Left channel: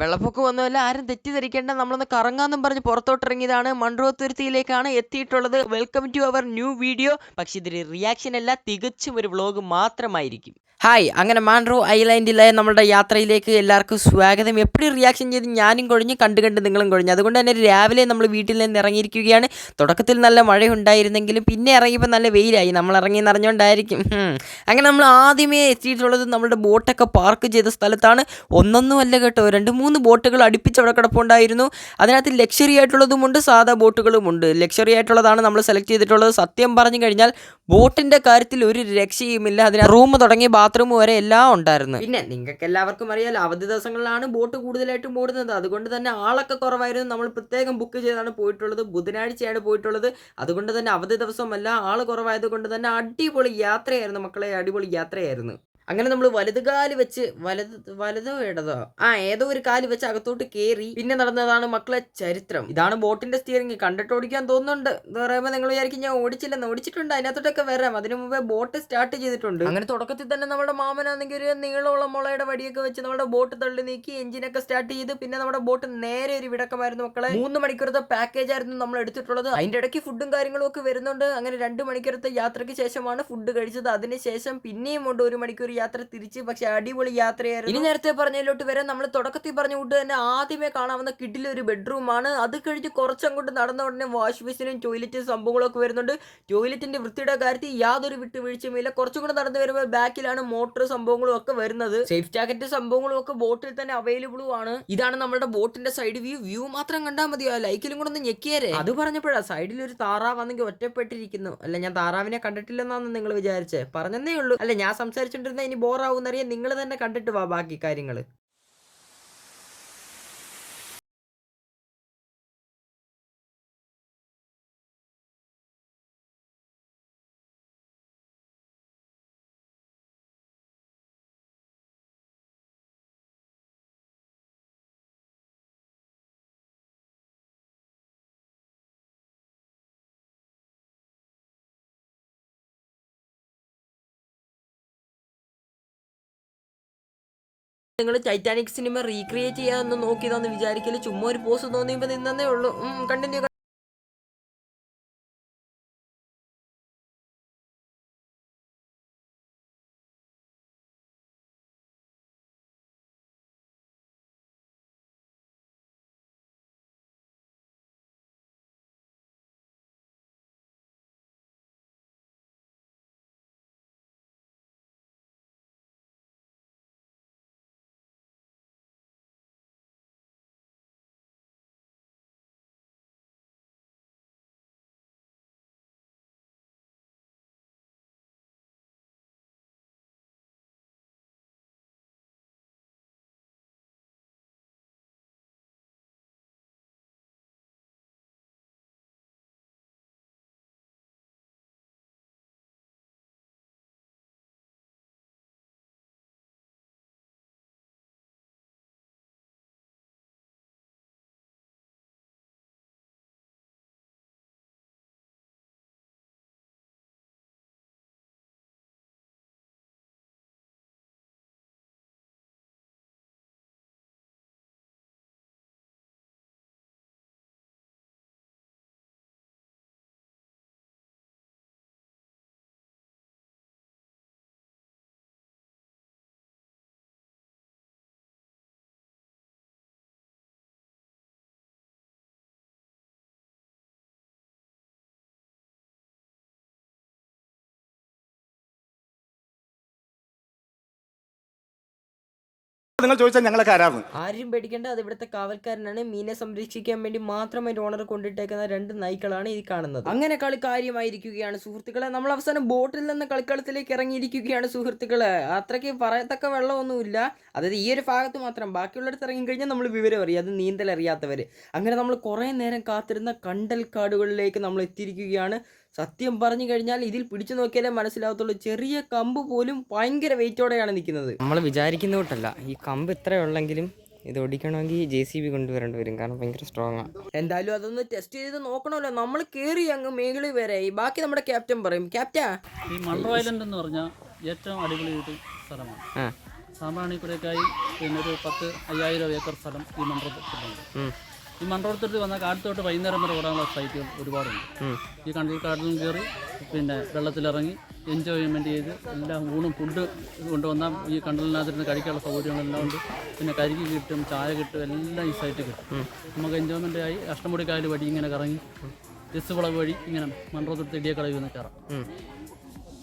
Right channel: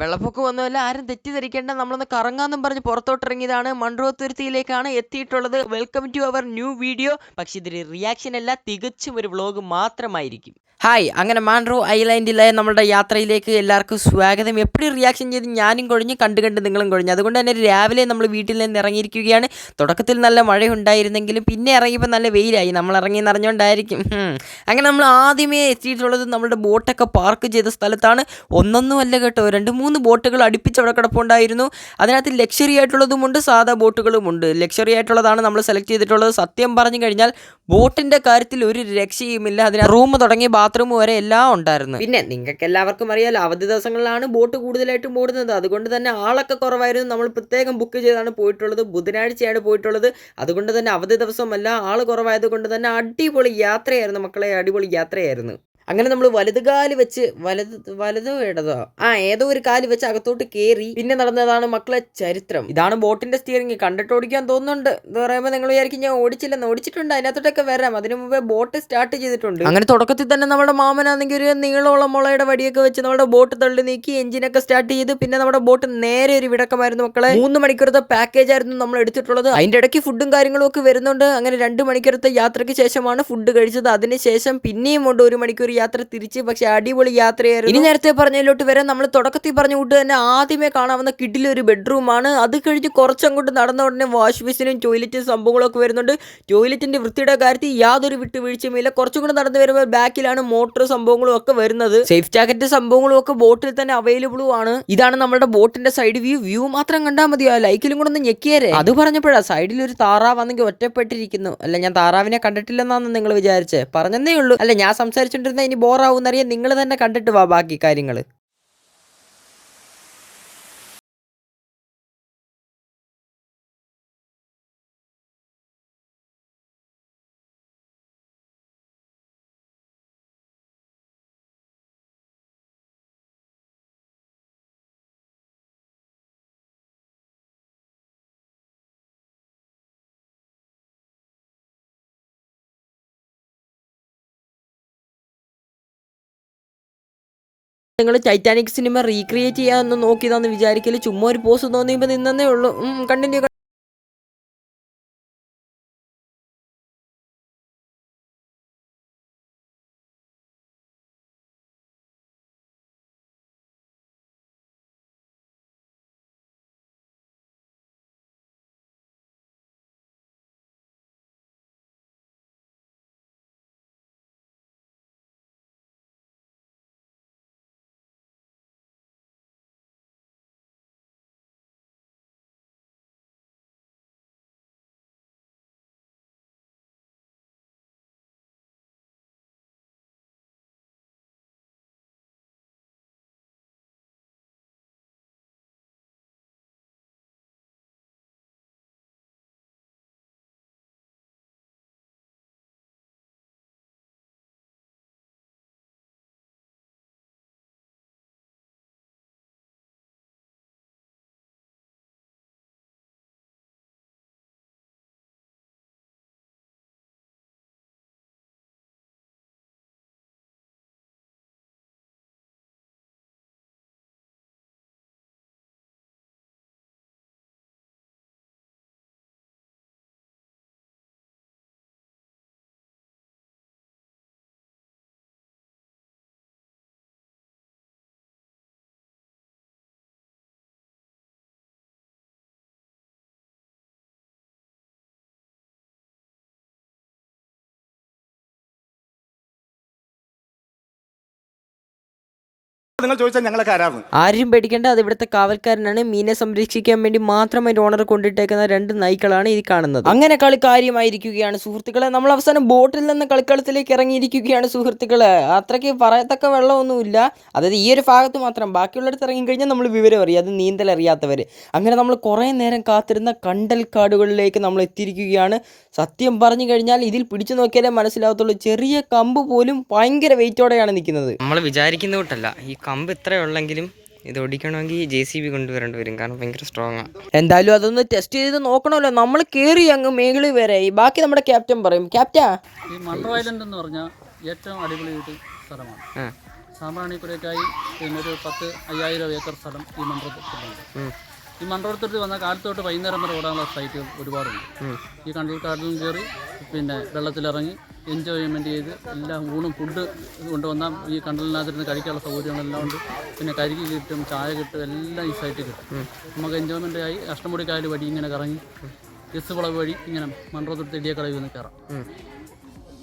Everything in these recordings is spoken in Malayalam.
വെള്ളപ്പൊക്കം ഒന്നുമല്ല, ആരും തെറ്റിദ്ധരിക്കേണ്ട. നമ്മളൊന്ന് കറങ്ങാന്നും പറഞ്ഞ് പുറത്തോട്ടിറങ്ങിയതാണ്. മൺട്രോ തുരുത്തിയിലേക്കാണ് എത്തിയിട്ടുള്ളത്. Welcome to our new video. പക്ഷെ ഇതൊരു റിയാക്ഷൻ അല്ല, തികച്ചും ഒരു വ്ളോഗ് മാത്രമായിരിക്കും. ഹായ്, അങ്ങനെ മാൻഡ്രോ ഐലാൻഡിലെ നമ്മുടെ യാത്രയിലേക്ക് എല്ലാവർക്കും സ്വാഗതം. എപ്പോഴും റിയാക്ഷൻ ചെയ്ത് ഞാനും കൊഴിഞ്ഞ് കണ്ട് നിങ്ങളും കൊഴിഞ്ഞു. അതുകൊണ്ട് തന്നെ രാവിലെ നമ്മൾ വീട്ടിൽ നിന്ന് ഇറങ്ങിയിരിക്കുകയാണ്. തുടക്കത്തിൽ നല്ല മഴയുണ്ടായിരുന്നെങ്കിലും പിന്നെ ഇറങ്ങിയപ്പോൾ നല്ല വെയിലായി. നമ്മൾ ഇറങ്ങി നിറഞ്ഞുകൊണ്ടായിരിക്കും. അങ്ങനെ നമ്മൾ ആദ്യമേ എത്തിയിട്ടുള്ളത് നമ്മുടെ ബോട്ടൊക്കെ പാർക്ക് ചെയ്ത സ്ഥലത്താണ്. ഒന്നൊന്നുമല്ല കേട്ടോ, 2-3 ബോട്ടുകൾ അടുപ്പിച്ച് അവിടെ കിടപ്പുണ്ടായിരുന്നു. അതിനകത്ത് ലക്ഷറി ആയിട്ടുള്ളതുമുണ്ട്, സാധാ ബോട്ടുകളുമുണ്ട്. ലക്ഷറി ആയിട്ടുള്ളതാണ് നമ്മൾ സെലക്ട് ചെയ്തിട്ടുള്ളത്. സത്യം പറഞ്ഞു കഴിഞ്ഞാൽ ബോട്ടിൻ്റെ കാര്യത്തിൽ ഒരു രക്ഷയുമില്ല. അതിന് റൂം തുടങ്ങി ബാത്റൂം വരെ എല്ലാം ഉണ്ടായിരുന്നു. പിന്നെ നിങ്ങൾക്ക് എല്ലാവർക്കും അറിയാലോ, അവധി ദിവസങ്ങളിലാണ് ബോട്ട് കൂടുതലായിട്ടും ഓടുന്നത്. അതുകൊണ്ട് തന്നെ ആളൊക്കെ കുറവായിരുന്നു. നമ്മൾ പ്രത്യേകം ബുക്ക് ചെയ്താണ് പോയിട്ടുള്ളത്. ബുധനാഴ്ചയാണ് പോയിട്ടുള്ളത്. അതുകൊണ്ട് തന്നെ അവധി ദിവസമല്ല, ആൾ കുറവായത് കൊണ്ട് തന്നെ അടിപൊളി യാത്രയായിരുന്നു മക്കളെ, അടിപൊളി യാത്രയായിരുന്നു. അങ്ങനെ നമ്മൾ വലത് കാല് വെച്ച് വലതോ ഇടതോ ഏതോ ഒരു കാല് വെച്ച് അകത്തോട്ട് കയറി പിന്നെ നടന്നതാണ് മക്കളെ ചരിത്രം. ഇതാണ് ബോട്ടിന്റെ സ്റ്റിയറിംഗ്. കണ്ടിട്ട് ഓടിക്കാൻ തോന്നുന്നുണ്ട്. എന്ന് പറയുമ്പോൾ നിങ്ങൾ വിചാരിക്കും ഞാൻ ഓടിച്ചില്ലെന്ന്. ഓടിച്ചിട്ടുണ്ട്, അതിനകത്തോട്ടൊക്കെ വരാം. അതിനു മുമ്പേ ബോട്ട് സ്റ്റാർട്ട് ചെയ്തിട്ടുണ്ട്. അങ്ങനെ തുടക്കത്തിൽ തന്നെ നമ്മുടെ മാമനാണെങ്കിൽ ഒരു നീളമുള്ള മുളയുടെ വടിയൊക്കെ വെച്ച് നമ്മുടെ ബോട്ട് തള്ളി നീക്കി എഞ്ചിനൊക്കെ സ്റ്റാർട്ട് ചെയ്ത് പിന്നെ നമ്മുടെ ബോട്ട് നേരെ ഒരു വിടക്കമായിരുന്നു മക്കളെ. 3 മണിക്കൂറത്തെ പാക്കേജ് ആയിരുന്നു നമ്മൾ എടുത്തിട്ടുള്ളത്. അതിന്റെ ഇടയ്ക്ക് ഫുഡും കാര്യങ്ങളും ഒക്കെ വരുന്നുണ്ട്. അങ്ങനെ 2 മണിക്കൂറത്തെ യാത്രയ്ക്ക് ശേഷമാണ് ഫുഡ് കഴിച്ചത്. അതിനുശേഷം പിന്നെയും കൊണ്ട് 1 മണിക്കൂർ യാത്ര തിരിച്ച്. പക്ഷെ അടിപൊളി യാത്രയായിരുന്നു. ഇനി നേരത്തെ പറഞ്ഞതിലോട്ട് വരെ നമ്മൾ തുടക്കത്തിൽ പറഞ്ഞ കൂട്ട് തന്നെ ആദ്യമേ കാണാവുന്ന കിഡിലൊരു ബെഡ്റൂമാണ്. അത് കഴിഞ്ഞ് കുറച്ചങ്ങോട്ട് നടന്ന ഉടനെ വാഷ് ബേസിനും ടോയ്ലറ്റും സംഭവങ്ങളൊക്കെ വരുന്നുണ്ട്. ടോയ്ലറ്റിന്റെ വൃത്തിയുടെ കാര്യത്തിൽ യാതൊരു വിട്ടുവീഴ്ചയുമില്ല. കുറച്ചും കൂടെ നടന്നു വരുമ്പോൾ ബാക്കിലാണ് മോട്ടോർ സംഭവങ്ങളും ഒക്കെ വരുന്നത്. സേഫ് ജാക്കറ്റ് സംഭവങ്ങളും ഒക്കെ ബോട്ടിൽ തന്നെ അവൈലബിളും ആണ്. ഇതാണ് നമ്മുടെ ബോട്ടിന്റെ സൈഡ് വ്യൂ മാത്രം കണ്ടാൽ മതിയോ? ലൈക്കിലും കൂടെ ഒന്ന് ഞെക്കിയേരെ. അത് പറഞ്ഞപ്പോഴാ സൈഡിൽ ഒരു താറാവാണെങ്കിൽ ഒറ്റപ്പെട്ടിരിക്കുന്നു. അല്ല, ഞാൻ താറാവിനെ കണ്ടിട്ടില്ലെന്നാണ് നിങ്ങൾ വിചാരിച്ചേ? പറഞ്ഞതേ ഉള്ളൂ. അല്ല, ഞാൻ സംസാരിച്ചോണ്ടിരുന്ന ഇനി ബോറാവുന്നറിയാൻ നിങ്ങൾ തന്നെ കണ്ടിട്ട് വാ ബാക്കി കാര്യങ്ങൾ. നിങ്ങൾ ടൈറ്റാനിക് സിനിമ റീക്രിയേറ്റ് ചെയ്യാമെന്ന് നോക്കിയതാന്ന് വിചാരിക്കല്. ചുമ്മാ ഒരു പോസ് തോന്നിയപ്പോൾ നിന്നേ ഉള്ളൂ. കണ്ടിന്യൂ. നിങ്ങൾ ചോദിച്ചാൽ ഞങ്ങളൊക്കെ ആരാണ്? ആരും പേടിക്കേണ്ട, അത് ഇവിടുത്തെ കാവൽക്കാരനാണ്. മീനെ സംരക്ഷിക്കാൻ വേണ്ടി മാത്രം അതിന്റെ ഓണർ കൊണ്ടിട്ടേക്കുന്ന 2 നായ്ക്കളാണ് ഈ കാണുന്നത്. അങ്ങനെ കളി കാര്യമായിരിക്കുകയാണ് സുഹൃത്തുക്കളെ. നമ്മൾ അവസാനം ബോട്ടിൽ നിന്ന് കളിക്കളത്തിലേക്ക് ഇറങ്ങിയിരിക്കുകയാണ് സുഹൃത്തുക്കളെ. അത്രയ്ക്ക് പറയത്തക്ക വെള്ളമൊന്നുമില്ല. അതായത് ഈ ഒരു ഭാഗത്ത് മാത്രം. ബാക്കിയുള്ളടത്ത് ഇറങ്ങിക്കഴിഞ്ഞാൽ നമ്മൾ വിവരം അറിയാം, അത് നീന്തൽ അറിയാത്തവർ. അങ്ങനെ നമ്മൾ കുറേ നേരം കാത്തിരുന്ന കണ്ടൽ കാടുകളിലേക്ക് നമ്മൾ എത്തിയിരിക്കുകയാണ്. സത്യം പറഞ്ഞു കഴിഞ്ഞാൽ ഇതിൽ പിടിച്ചു നോക്കിയാലേ മനസ്സിലാവത്തുള്ളൂ. ചെറിയ കമ്പ് പോലും ഭയങ്കര വെയിറ്റോടെയാണ് നിൽക്കുന്നത്. നമ്മൾ വിചാരിക്കുന്ന കൂട്ടല്ല. ഈ കമ്പ് ഇത്രയുള്ളെങ്കിലും ഇത് ഓടിക്കണമെങ്കിൽ JCB കൊണ്ടുവരേണ്ടി വരും, കാരണം ഭയങ്കര സ്ട്രോങ് ആണ്. എന്തായാലും അതൊന്ന് ടെസ്റ്റ് ചെയ്ത് നോക്കണമല്ലോ. നമ്മൾ കയറി അങ്ങ് മേളിൽ വരെ. ബാക്കി നമ്മുടെ ക്യാപ്റ്റൻ പറയും. ക്യാപ്റ്റാ, ഈ മൺട്രോ ഐലൻഡ് എന്ന് പറഞ്ഞാൽ ഏറ്റവും അടിപൊളി ഒരു സ്ഥലമാണ്. സാമ്പ്രാണിക്കുടിയൊക്കെയായി പിന്നെ ഒരു 50,000 ഏക്കർ സ്ഥലം ഈ മൺറോത്തുരുത്തിലുണ്ട്. ഈ മൺറോത്തുരുത്തി വന്നാൽ കാലത്തോട്ട് വൈകുന്നേരം വരെ ഓടാനുള്ള സൈറ്റുകൾ ഒരുപാടുണ്ട്. ഈ കണ്ടൽക്കാട്ടിലും കയറി പിന്നെ വെള്ളത്തിലിറങ്ങി എൻജോയ്മെൻറ്റ് ചെയ്ത് എല്ലാം ഊണും ഫുഡ് കൊണ്ടുവന്നാൽ ഈ കണ്ടലിനകത്തിരുന്ന് കഴിക്കാനുള്ള സൗകര്യങ്ങളെല്ലാം ഉണ്ട്. പിന്നെ കരിക്ക് കിട്ടും, ചായ കിട്ടും, എല്ലാം ഈ സൈറ്റിൽ കിട്ടും. നമുക്ക് എൻജോയ്മെൻ്റ് ആയി അഷ്ടമുടിക്കായൽ വഴി ഇങ്ങനെ കറങ്ങി എസ് വളവ് വഴി ഇങ്ങനെ മൺറോത്തുരുത്തി ഇടിയക്കടവിൽ നിന്ന് കയറാം.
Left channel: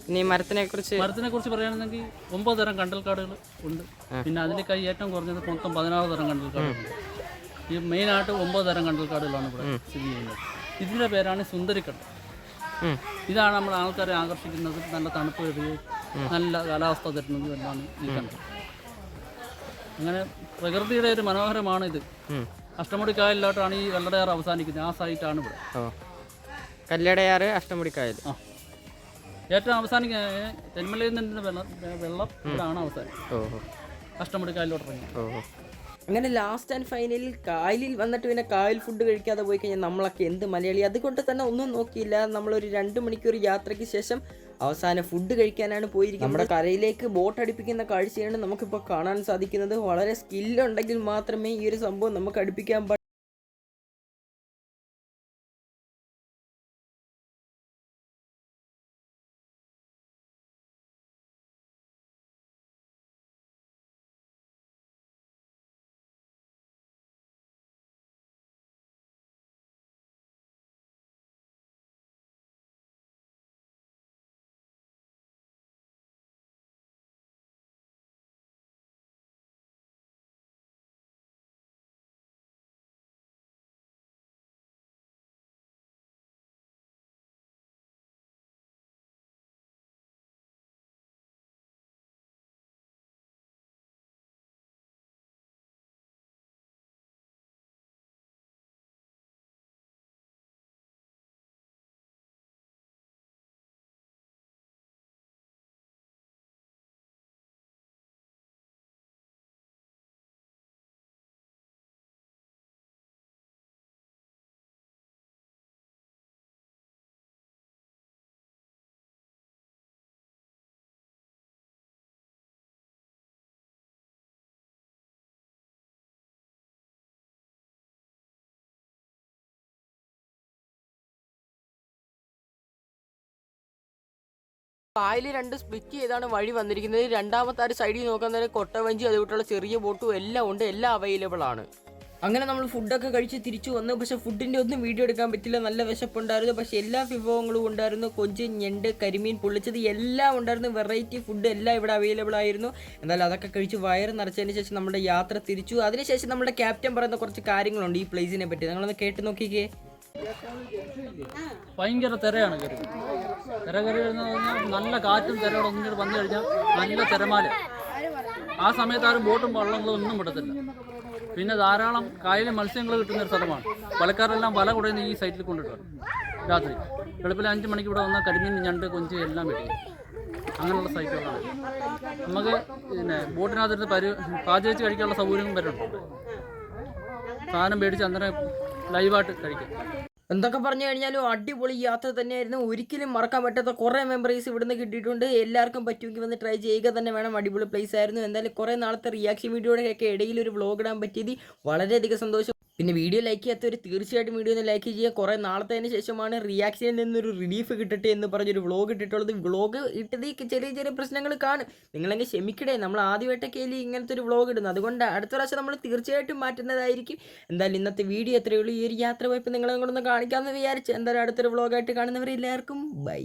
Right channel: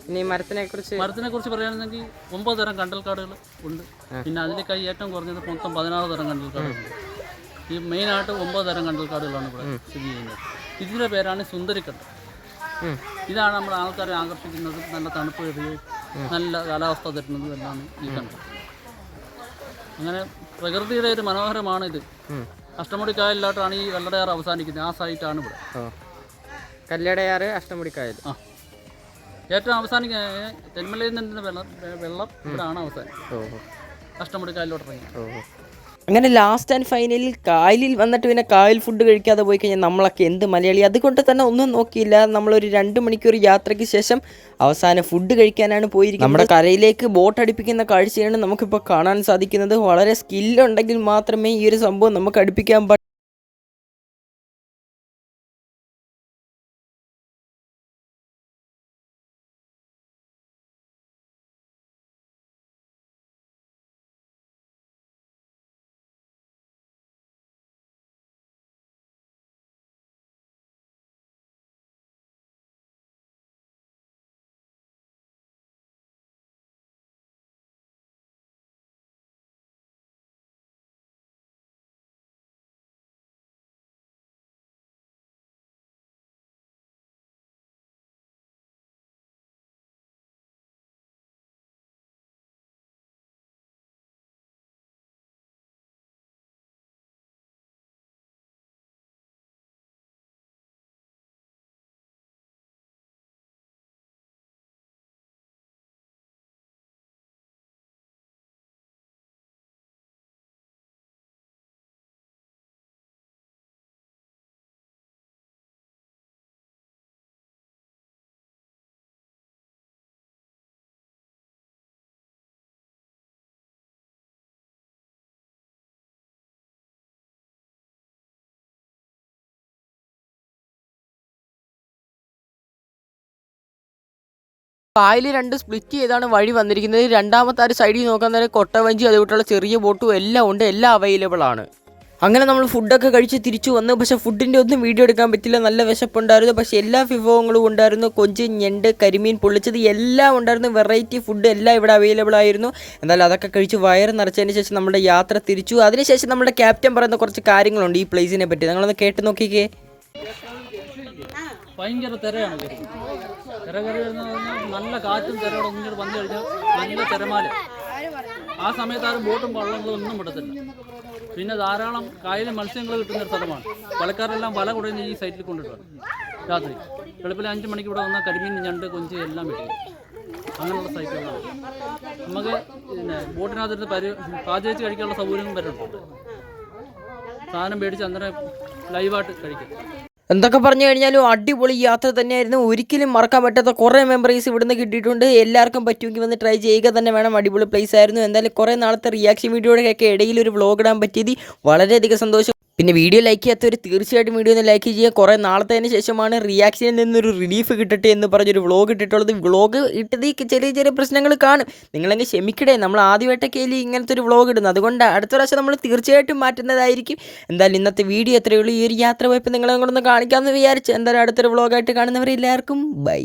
ഇനി മരത്തിനെ കുറിച്ച് പറയുകയാണെങ്കിൽ 9 തരം കണ്ടൽക്കാടുകൾ ഉണ്ട്. പിന്നെ അതിലേക്കായി ഏറ്റവും കുറഞ്ഞത് മൊത്തം 16 തരം കണ്ടൽക്കാടുകളുണ്ട്. ഈ മെയിനായിട്ട് 9 തരം കണ്ടൽക്കാടുകളാണ് ഇവിടെ സ്ഥിതി ചെയ്യുന്നത്. ഇതിൻ്റെ പേരാണ് സുന്ദരിക്കണ്ടൽ. ഇതാണ് നമ്മുടെ ആൾക്കാരെ ആകർഷിക്കുന്നതും നല്ല തണുപ്പ് വരികയും നല്ല കാലാവസ്ഥ തരുന്നതും എല്ലാം ഈ കണ്ടൽ. അങ്ങനെ പ്രകൃതിയുടെ ഒരു മനോഹരമാണ് ഇത്. അഷ്ടമുടിക്കായലിലോട്ടാണ് ഈ കല്ലടയാർ അവസാനിക്കുന്നത്. ആ സൈറ്റാണ് ഇവിടെ കല്ലടയാർ അഷ്ടമുടിക്കായൽ. ഏറ്റവും അവസാനിക്കുക തെന്മലയിൽ നിന്ന് വെള്ളം ഇവിടെയാണ് അവസാനം. അഷ്ടമുടിക്കായലിലോട്ട് ഇറങ്ങി. അങ്ങനെ ലാസ്റ്റ് ആൻഡ് ഫൈനലിൽ കായലിൽ വന്നിട്ട് പിന്നെ കായൽ ഫുഡ് കഴിക്കാതെ പോയി കഴിഞ്ഞാൽ നമ്മളൊക്കെ എന്ത് മലയാളി. അതുകൊണ്ട് തന്നെ ഒന്നും നോക്കിയില്ല, നമ്മളൊരു 2 മണിക്കൂർ യാത്രയ്ക്ക് ശേഷം അവസാനം ഫുഡ് കഴിക്കാനാണ് പോയിരിക്കുന്നത്. നമ്മുടെ കരയിലേക്ക് ബോട്ട് അടുപ്പിക്കുന്ന കാഴ്ചയാണ് നമുക്കിപ്പോൾ കാണാൻ സാധിക്കുന്നത്. വളരെ സ്കില്ലുണ്ടെങ്കിൽ മാത്രമേ ഈ ഒരു സംഭവം നമുക്ക് അടുപ്പിക്കാൻ പറ്റൂ. കായൽ 2 സ്പ്ലിറ്റ് ചെയ്താണ് വഴി വന്നിരിക്കുന്നത്. രണ്ടാമത്തെ ആ ഒരു സൈഡിൽ നോക്കാൻ നേരം കൊട്ടവഞ്ചി അതുകൊണ്ടുള്ള ചെറിയ ബോട്ടും എല്ലാം ഉണ്ട്, എല്ലാം അവൈലബിൾ ആണ്. അങ്ങനെ നമ്മൾ ഫുഡൊക്കെ കഴിച്ച് തിരിച്ചു വന്നു. പക്ഷേ ഫുഡിൻ്റെ ഒന്നും വീഡിയോ എടുക്കാൻ പറ്റില്ല, നല്ല വിശപ്പുണ്ടായിരുന്നു. പക്ഷേ എല്ലാ വിഭവങ്ങളും ഉണ്ടായിരുന്നു. കൊഞ്ച്, ഞണ്ട്, കരിമീൻ പൊള്ളിച്ചത് എല്ലാം ഉണ്ടായിരുന്നു. വെറൈറ്റി ഫുഡ് എല്ലാം ഇവിടെ അവൈലബിൾ ആയിരുന്നു. എന്നാലും അതൊക്കെ കഴിച്ച് വയറ് നിറച്ചതിന് ശേഷം നമ്മുടെ യാത്ര തിരിച്ചു. അതിനുശേഷം നമ്മുടെ ക്യാപ്റ്റൻ പറയുന്ന കുറച്ച് കാര്യങ്ങളുണ്ട് ഈ പ്ലേസിനെ പറ്റി, നിങ്ങളൊന്ന് കേട്ട് നോക്കിക്കേ. ഭയങ്കര തിരയാണ് കയറി വരുന്നത് പറഞ്ഞാൽ നല്ല കാറ്റും തിരയോടെ ഒന്നിട്ട് വന്നു കഴിഞ്ഞാൽ നല്ല തിരമാല. ആ സമയത്ത് ആരും ബോട്ടും വള്ളങ്ങളും ഒന്നും വിടത്തില്ല. പിന്നെ ധാരാളം കായലിൽ മത്സ്യങ്ങൾ കിട്ടുന്ന ഒരു സ്ഥലമാണ്. വലക്കാരെല്ലാം വല കുടയുന്ന ഈ സൈറ്റിൽ കൊണ്ടിട്ടാണ് രാത്രി. വെളുപ്പിൽ 5 മണിക്ക് ഇവിടെ വന്നാൽ കരിമീൻ, ഞണ്ട്, കൊഞ്ച് എല്ലാം വെക്കും. അങ്ങനെയുള്ള സൈറ്റുകളാണ്. നമുക്ക് പിന്നെ ബോട്ടിനകത്തിരുന്ന് പാചകിച്ച് കഴിക്കാനുള്ള സൗകര്യവും വരുന്നുണ്ട്. സാധനം മേടിച്ച് അന്നേരം ലൈവായിട്ട് കഴിക്കും. എന്തൊക്കെ പറഞ്ഞു കഴിഞ്ഞാലും അടിപൊളി യാത്ര തന്നെയായിരുന്നു. ഒരിക്കലും മറക്കാൻ പറ്റാത്ത കുറേ മെമ്മറീസ് ഇവിടുന്ന് കിട്ടിയിട്ടുണ്ട്. എല്ലാവർക്കും പറ്റുമെങ്കിൽ വന്ന് ട്രൈ ചെയ്യുക തന്നെ വേണം. അടിപൊളി പ്ലേസ് ആയിരുന്നു. എന്തായാലും കുറേ നാളത്തെ റിയാക്ഷൻ വീഡിയോയുടെയൊക്കെ ഇടയിൽ ഒരു വ്ളോഗ് ഇടാൻ പറ്റിയത് വളരെയധികം സന്തോഷം. പിന്നെ വീഡിയോ ലൈക്ക് ചെയ്യാത്തവർ തീർച്ചയായിട്ടും വീഡിയോ ഒന്ന് ലൈക്ക് ചെയ്യുക. കുറേ നാളത്തതിന് ശേഷമാണ് റിയാക്ഷനിൽ നിന്നൊരു റിലീഫ് കിട്ടട്ടെ എന്ന് പറഞ്ഞൊരു വ്ളോഗ് ഇട്ടിട്ടുള്ളത്. വ്ളോഗ് ഇട്ടത് ചെറിയ ചെറിയ പ്രശ്നങ്ങൾ കാണും, നിങ്ങളെങ്കിൽ ക്ഷമിക്കണേ. നമ്മൾ ആദ്യമായിട്ടൊക്കെ ഇങ്ങനത്തെ ഒരു വ്ളോഗ് ഇടുന്നത്, അതുകൊണ്ട് അടുത്ത പ്രാവശ്യം നമ്മൾ തീർച്ചയായിട്ടും മാറ്റുന്നതായിരിക്കും. എന്തായാലും ഇന്നത്തെ വീഡിയോ എത്രയേ ഉള്ളൂ. ഈ ഒരു യാത്ര പോയപ്പോൾ നിങ്ങളെ കൊണ്ടൊന്ന് കാണിക്കാമെന്ന് വിചാരിച്ചു. എന്തായാലും അടുത്തൊരു വ്ളോഗായിട്ട് കാണുന്നവരെല്ലാവർക്കും ബൈ.